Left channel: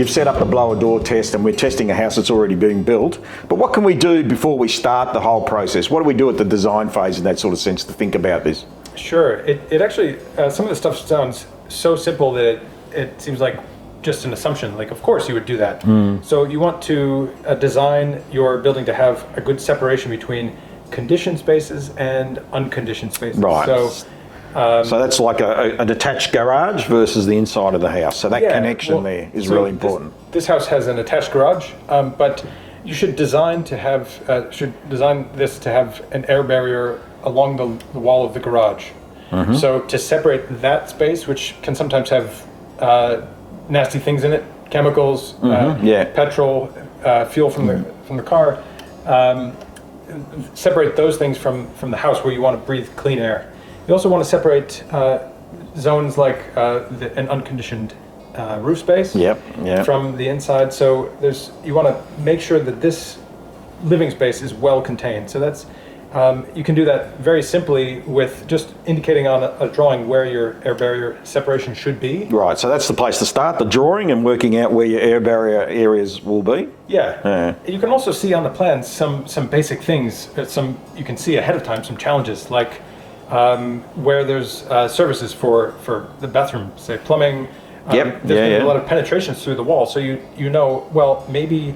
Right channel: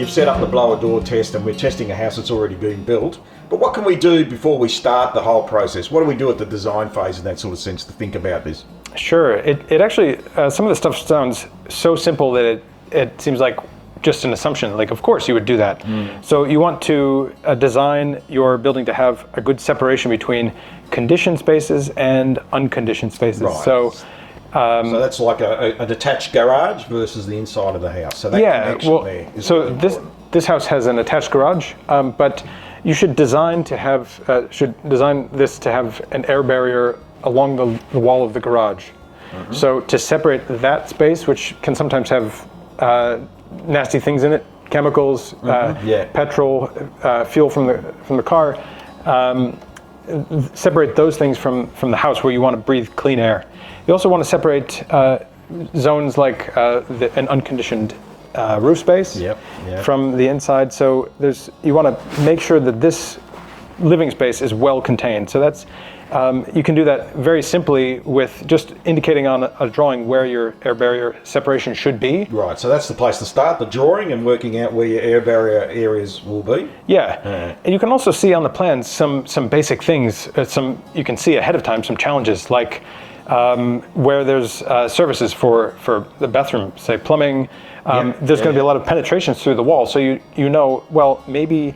you've set up the blower door test and we're testing a house that's already being built, but what can we do before we start the whole process? What do we do at the design phase in that sort of sense to think about this? Sure. It actually, some of the stuff sounds so simple that it seems like just an assumption. Like, of course you would do that. So you want to design your building to have a good separation between conditioned spaces and unconditioned spaces. Right. So that's like a detached garage versus the inside of the house. So that connection there is really important. This house has an attached garage, but you should design to have this to have an air barrier along the wall of the garage. So to separate that space, which can sometimes have nasty things in it, chemicals, petrol, fuel from the car, separate those things from the house where you want to breathe clean air. You also want to separate zones like an unconditioned roof space from the inside. So you want to make sure that this living space is well contained. So that's you can do that very simply with just indicating on a drawing where your air barrier separation should be. Right, so that's the place to start, the drawing, and working out where your air barrier areas will be. Yeah, and you can also see on the plans some basic things, you can see ahead of time some challenges, like where there's services for the bathroom, say plumbing. There's going to be a lot of penetrations through the wall, so you know, well, maybe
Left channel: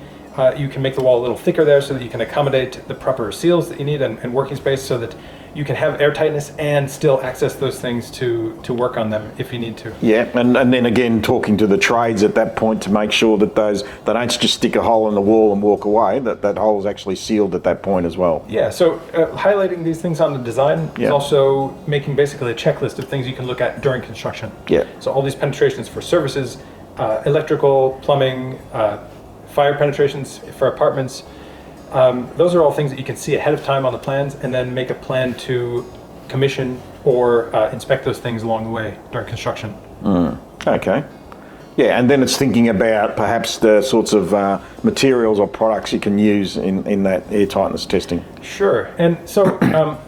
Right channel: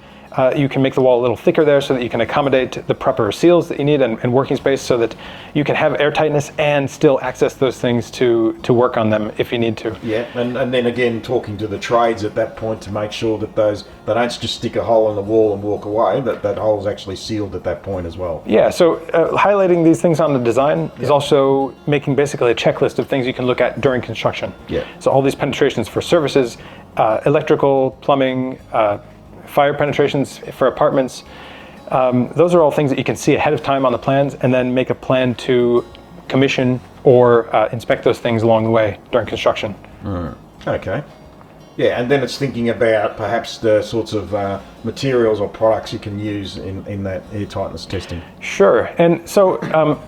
you can make the wall a little thicker there so that you can accommodate the proper seals that you need and working space so that you can have air tightness and still access those things to work on them if you need to. Yeah, and then again, talking to the trades at that point to make sure that they don't just stick a hole in the wall and walk away, that hole is actually sealed at that point as well. Yeah, so highlighting these things on the design is also making basically a checklist of things you can look at during construction. Yeah. So all these penetrations for services, electrical, plumbing, fire penetrations for apartments. Those are all things that you can see ahead of time on the plans and then make a plan to commission or inspect those things along the way during construction. Okay. Yeah, and then it's thinking about perhaps the sorts of materials or products you can use in that air tightness testing. Sure, and so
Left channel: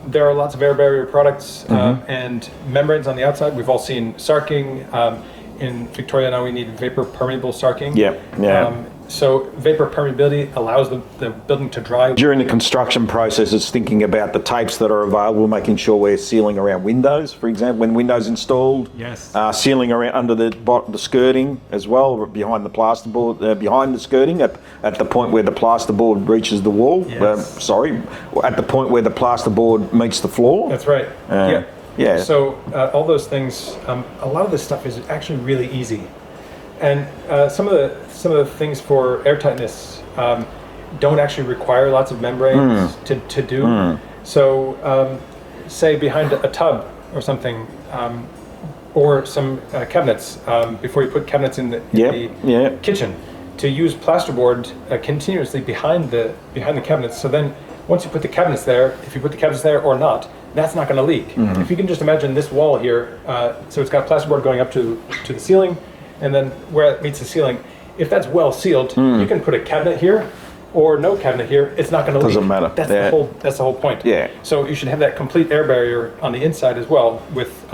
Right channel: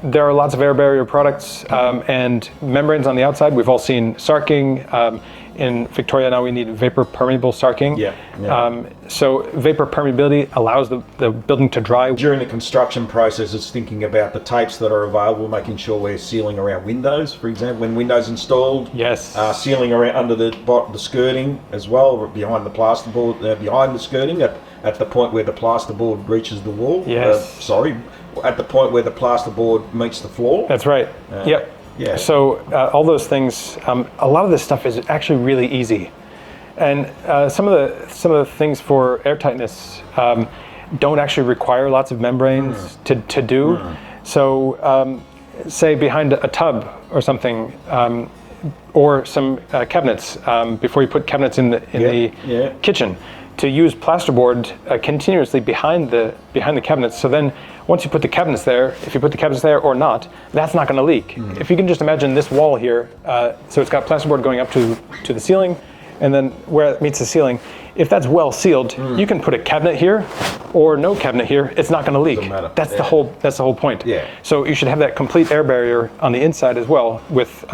there are lots of air barrier products and membranes on the outside. We've all seen sarking. In Victoria now we need vapor permeable sarking. So vapor permeability allows the building to dry. During the construction process, it's thinking about the tapes that are available, making sure we're sealing around windows, for example, when windows installed. Yes. Sealing around under the skirting as well, behind the plasterboard, behind the skirting at the point where the plasterboard reaches the wall. Yes. At the point where the plasterboard meets the floor. That's right. Yeah. So all those things, a lot of this stuff is actually really easy, and some of the things for air tightness don't actually require lots of membranes to do. So say behind a tub or something, or some cabinets before you put cabinets in the kitchen, to use plasterboard continuously behind the cabinets. So then once you put the cabinets there, if you put the cabinets there or not, that's not going to leak. If you can just imagine this wall here, so it's got plasterboard going up to the ceiling, and then where it meets the ceiling, if that's well sealed, you can put a cabinet here or no cabinet here, it's not going to leak. Doesn't matter. That's the whole point. Yeah. So you should have that complete air barrier on the inside as well, with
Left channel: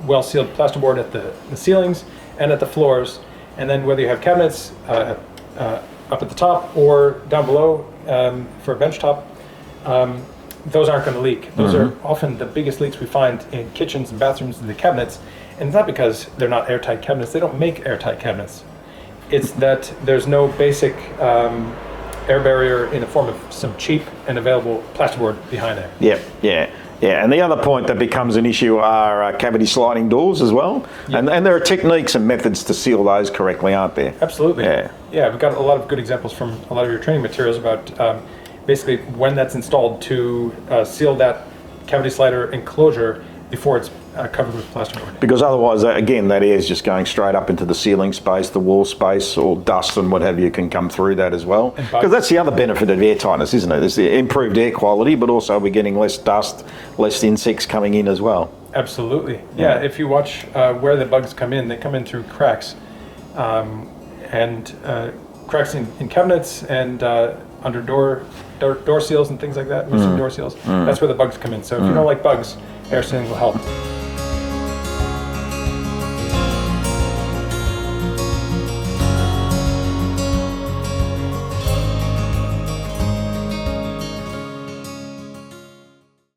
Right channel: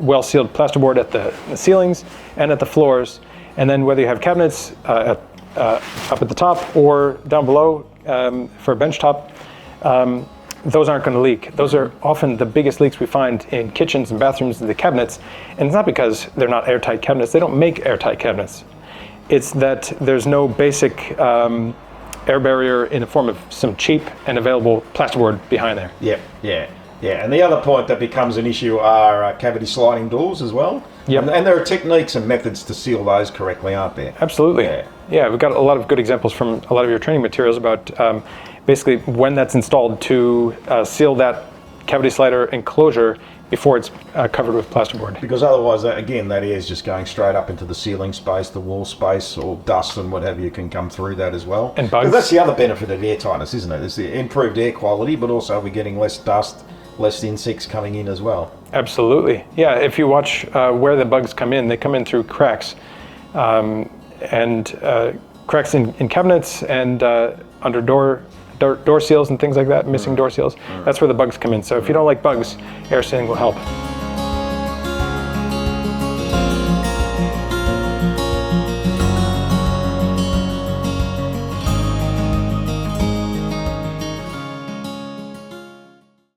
well sealed plasterboard at the ceilings and at the floors, and then whether you have cabinets up at the top or down below for a bench top, those aren't going to leak. Those are often the biggest leaks we find in kitchens and bathrooms and the cabinets, and it's not because they're not airtight cabinets. They don't make airtight cabinets. It's that there's no basic air barrier in the form of some cheap and available plasterboard behind them. Yeah, and the other point that becomes an issue are cavity sliding doors as well. And there are techniques and methods to seal those correctly, aren't there? Absolutely. Yeah, we've got a lot of good examples from a lot of your training materials about basically when that's installed to seal that cavity slider enclosure before it's covered with plasterboard. Because otherwise, again, that air is just going straight up into the ceiling space, the wall space, or dust and what have you can come through that as well. Because that's the other benefit of air tightness, isn't it? There's the improved air quality, but also we're getting less dust, less insects coming in as well. Absolutely. Yeah, if you watch where the bugs come in, they come in through cracks. And cracks in cabinets and under door seals and things like that, missing door seals. That's where the bugs come in. So if you don't like bugs, air sealing will help.